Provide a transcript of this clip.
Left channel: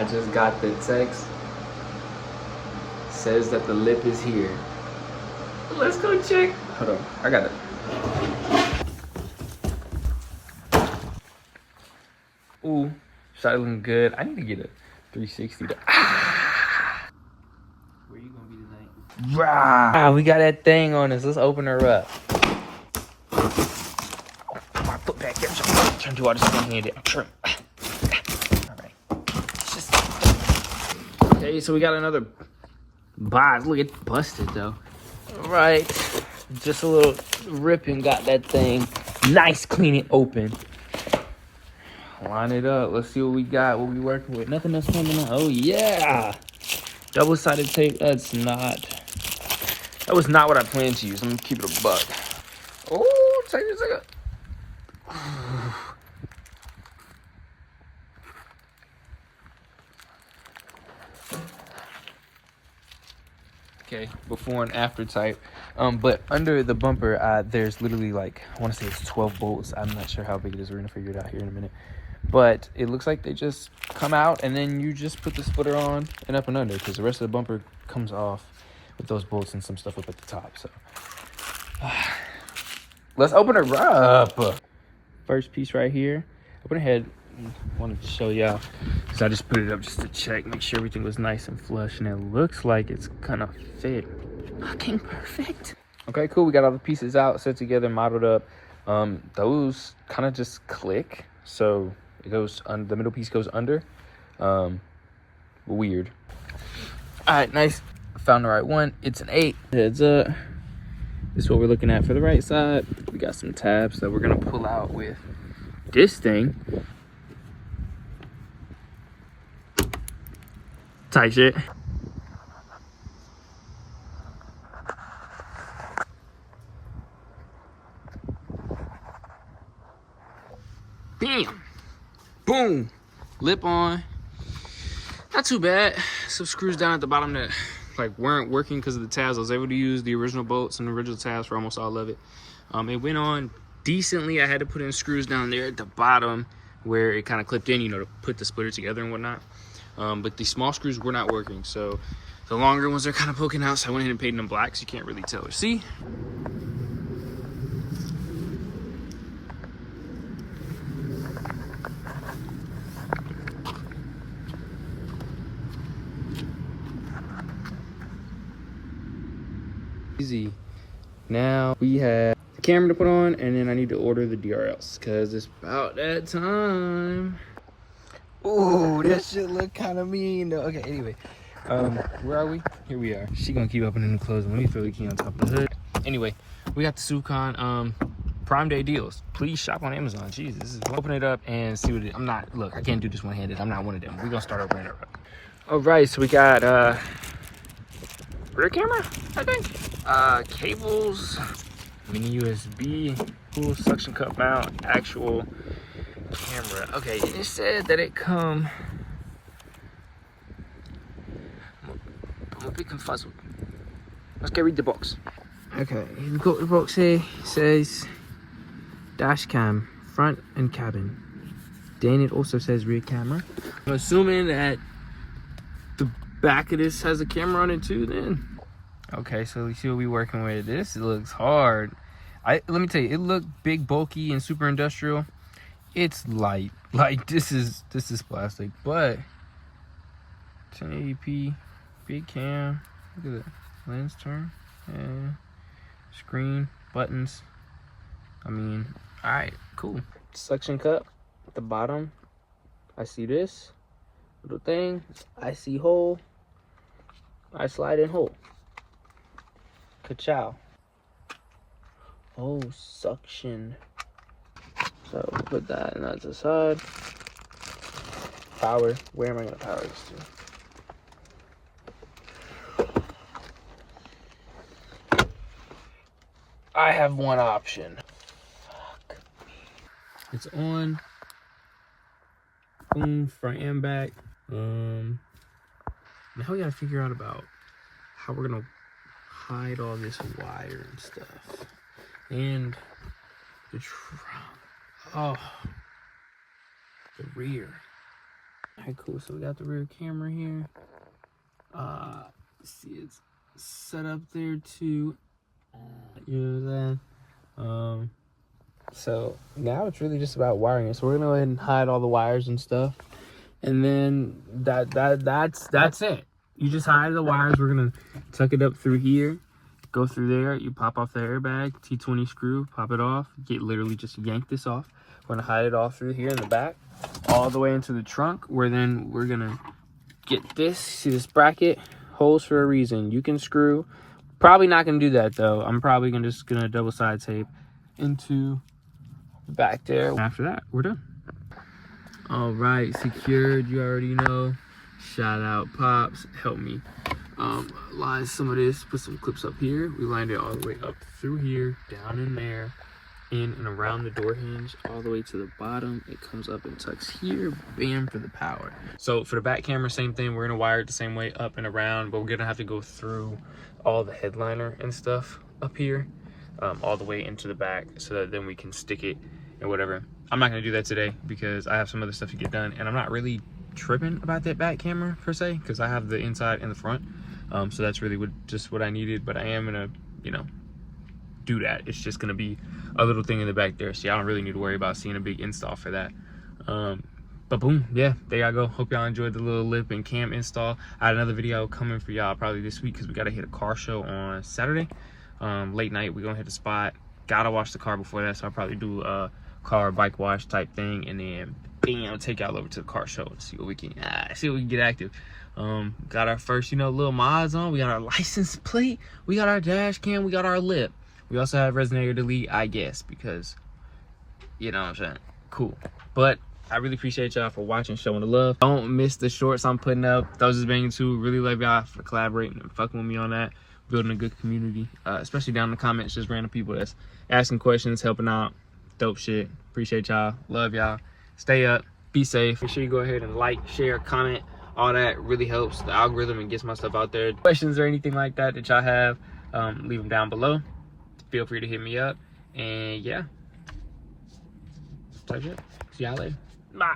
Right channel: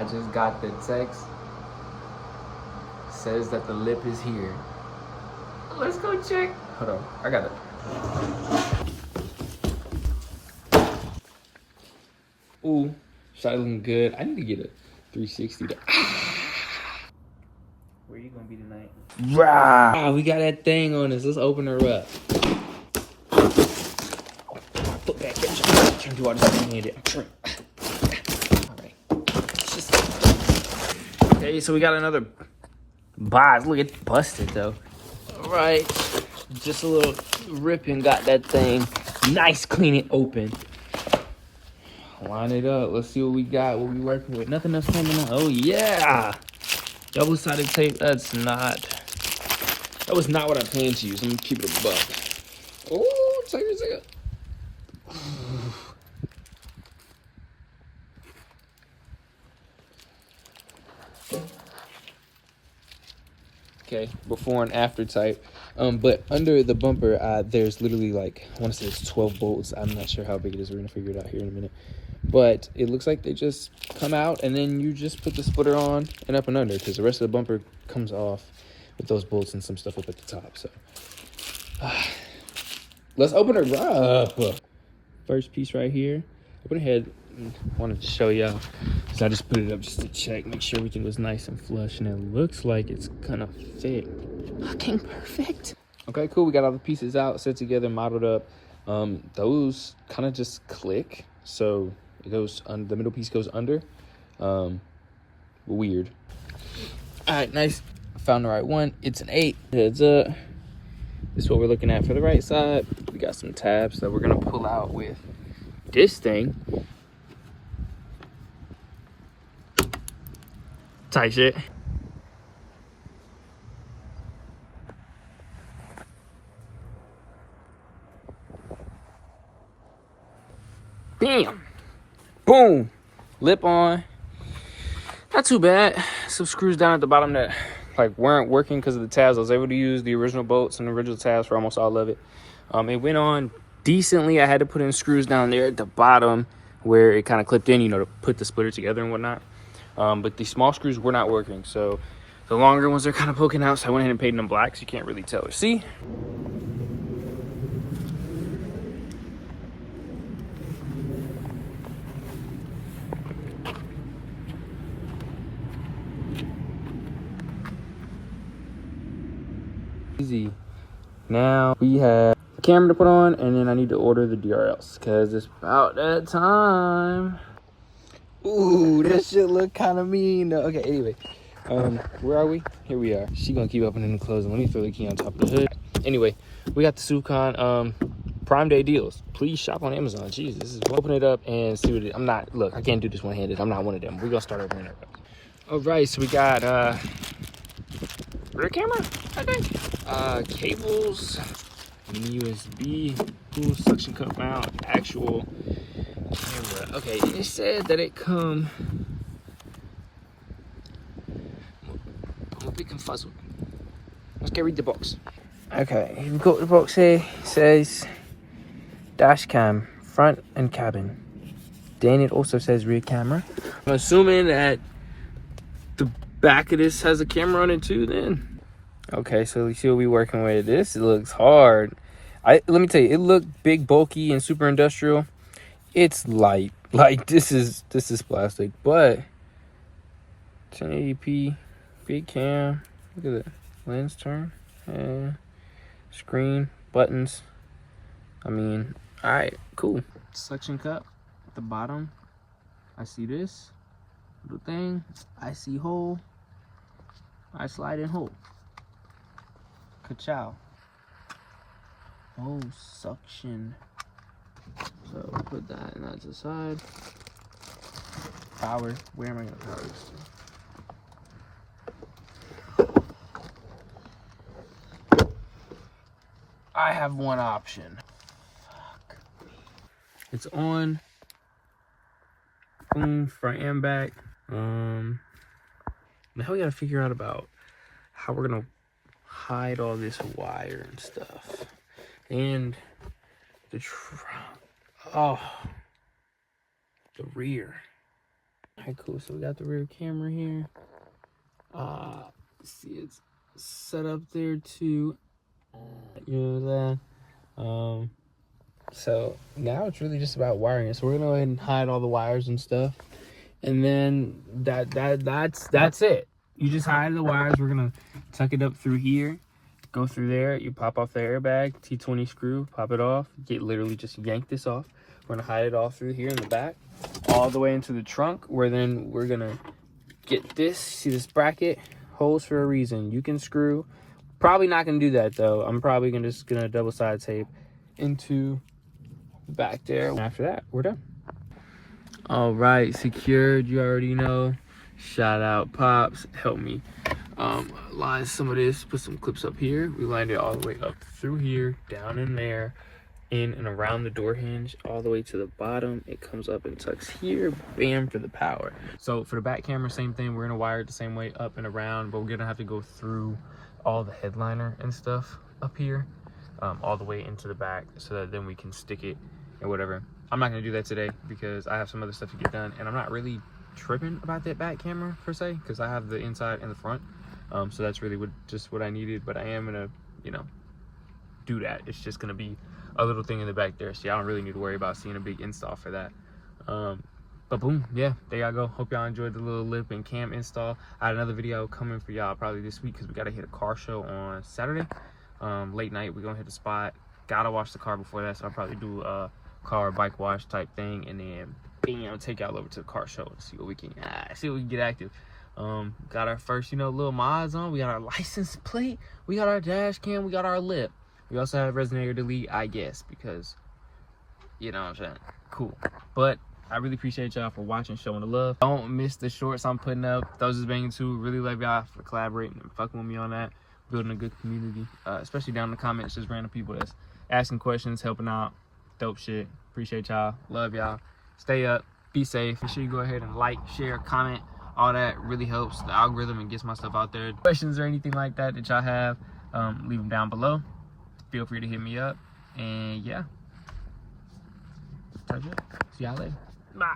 I just got the text. Says that the lip is here. Let's go check. Hold on, I got it. Ooh, shot looking good. I need to get a 360 to. Where you gonna be tonight? Rah! We got that thing on us. Let's open her up. My foot back here. I'm trying to do all this one-handed. I'm trying. All right. It's just... Okay, so we got another box. Look, it's busted though. All right, just a little ripping. Got that thing nice, clean it open. Line it up. Let's see what we got. What we working with? Nothing else coming on. Oh yeah, double-sided tape. That was not what I planned to use. Let me keep it a buck. Oh, check this out. Okay, before and after type. But under the bumper, there's literally like, I want to say it's 12 bolts. I'm not sure how big it is. We're gonna figure it out here in a minute. But it looks like they just come out and then you just put the splitter on and up and under, because the rest of the bumper comes off with those bolts and some stuff up at the top. So let's open her up. First piece right here. Open her head. Wanted to show y'all, so I just put it up just to check, make sure everything was nice and flush, and it looks like it's gonna fit. Fucking perfect. Okay, cool. We got all the pieces out, set together, modeled up. Those kind of just click, so it goes on. The middle piece goes under. Weird. All right, nice. I found the right one. It's an 8. Heads up. This is what we're looking at for the right side. We got some tabs that we're gonna pull out with this thing. Tight shit. Bam! Boom! Lip on. Not too bad. Some screws down at the bottom that like weren't working because of the tabs. I was able to use the original bolts and the original tabs for almost all of it. It went on decently. I had to put in screws down there at the bottom where it kind of clipped in, you know, to put the splitter together and whatnot. But the small screws were not working, so the longer ones are kind of poking out, so I went ahead and painted them black so you can't really tell or see. Easy. Now we have a camera to put on, and then I need to order the DRLs because it's about that time. Ooh, this shit look kind of mean though. Okay, anyway, where are we? Here we are. She gonna keep opening and closing. Let me throw the key on top of the hood. Anyway, we got the Sucon Prime Day deals. Please shop on Amazon. Jesus, open it up and see what it is. Look, I can't do this one-handed. I'm not one of them. We're gonna start opening it up. All right, so we got rear camera, I think. Cables, mini USB, cool suction cup mount, actual camera. Okay, and it said that it come. I'm a bit confuzzled. Let's go read the box. Okay, we've got the box here. It says dash cam, front and cabin. Then it also says rear camera. I'm assuming that the back of this has a camera on it too then. Okay, so we see what we're working with. This looks hard. Let me tell you, it looked big, bulky, and super industrial. It's light. Like this is plastic, but 1080p, big cam. Look at the lens turn and screen, buttons. I mean, all right, cool. Suction cup at the bottom. I see this little thing. I see hole. I slide in hole. Ka-chow. Oh, suction. So we'll put that and that's the side. Power. Where am I gonna power this to? I have one option. Fuck. It's on. Boom, front and back. Now we gotta figure out about how we're gonna hide all this wire and stuff. And the rear. Alright, cool. So we got the rear camera here. See, it's set up there too. You know what I'm saying? So now it's really just about wiring it. So we're gonna go ahead and hide all the wires and stuff, and then that's it. You just hide the wires. We're gonna tuck it up through here, go through there. You pop off the airbag, T20 screw, pop it off. Literally just yank this off. We're gonna hide it all through here in the back, all the way into the trunk. Where then we're gonna get this. See this bracket? Holes for a reason. You can screw. Probably not gonna do that though. I'm probably just gonna double side tape into back there. After that, we're done. All right, secured. You already know. Shout out Pops, help me line some of this. Put some clips up here. We lined it all the way up through here, down in there, in and around the door hinge, all the way to the bottom. It comes up and tucks here. Bam, for the power. So for the back camera, same thing. We're gonna wire it the same way up and around, but we're gonna have to go through all the headliner and stuff up here, all the way into the back, so that then we can stick it and whatever. I'm not gonna do that today because I have some other stuff to get done, and I'm not really tripping about that back camera per se, because I have the inside and the front. So that's really just what I needed, but I am gonna, you know, do that. It's just gonna be a little thing in the back there, so I don't really need to worry about seeing a big install for that. But boom, yeah, there y'all go. Hope y'all enjoyed the little lip and cam install. I had another video coming for y'all probably this week because we gotta hit a car show on Saturday. Late night, we're gonna hit a spot. Gotta wash the car before that, so I'll probably do a car or bike wash type thing, and then bam, take y'all over to the car show and see what we can get active. Got our first, you know, little mods on. We got our license plate, we got our dash cam, we got our lip. We also have resonator delete, I guess, because, you know what I'm saying, cool. But I really appreciate y'all for watching, showing the love. Don't miss the shorts I'm putting up. Those is banging too. Really love y'all for collaborating and fucking with me on that. Building a good community, especially down in the comments, just random people that's asking questions, helping out. Dope shit. Appreciate y'all. Love y'all. Stay up. Be safe. Make sure you go ahead and like, share, comment. All that really helps the algorithm and gets my stuff out there. Questions or anything like that y'all have, leave them down below. Feel free to hit me up. And yeah. That's it. See y'all later. Bye.